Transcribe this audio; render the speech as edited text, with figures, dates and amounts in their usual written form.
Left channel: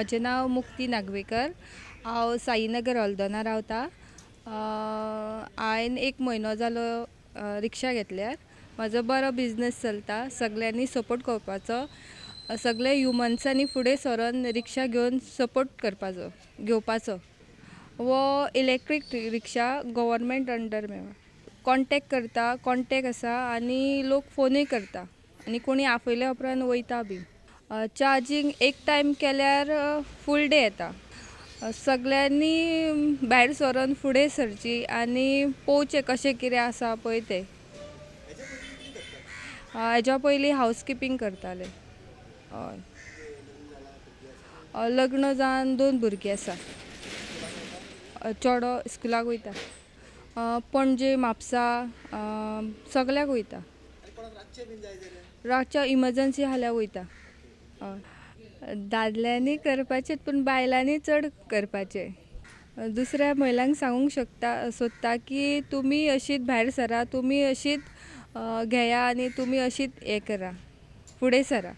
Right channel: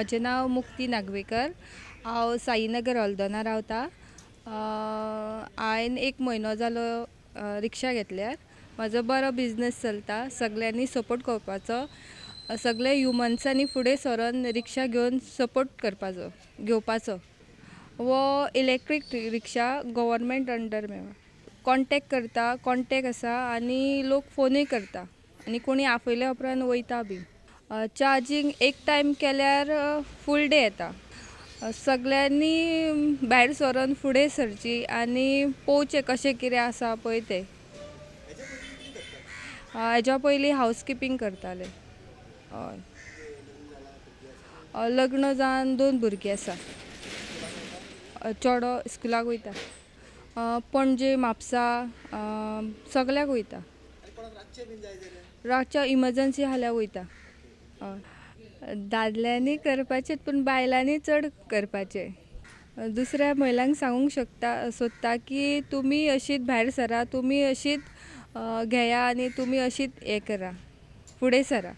म्हजें नांव मुक्ती नागवेकर। हांव साईनगर हॉल्दोना रावतां। हांवें 1 म्हयनो जालो रिक्षा घेतल्यार। म्हजो बरो बिझनस चलता। सगळ्यांनी सपोर्ट करपाचो। सगळे ह्युमन्सांनी फुडें सरोन रिक्षा घेवन सपोर्ट करपाचो घेवपाचो। वो इलेक्ट्रीक रिक्षा गव्हर्मेंट अंडर मेळ्ळा। कॉन्टेक्ट करता, कॉन्टेक्ट आसा आनी लोक फोनूय करता आनी कोणी आफयल्या उपरांत वयता बी। चार्जींग एक टायम केल्यार फूल डे येता। सगळ्यांनी भायर सरोन फुडें सरची आनी पळोवचें कशें कितें आसा पळय तें। हेज्या पयलीं हावजकीपींग करतालें। हय। लग्न जावन 2 भुरगीं आसा। चेडो स्कुलाक वयता। पणजे म्हापसा सगळ्याक वयता। रातचे इमर्जन्सी आसल्यार वयता। दादल्यांनी करपाचें पूण बायलांनी चड करपाचें। दुसऱ्या महिलांक सांगूंक सोदता की तुमी अशीच भायर सरा, तुमी अशीच घेया आनी तुमी अशीच हें करा, फुडें सरा।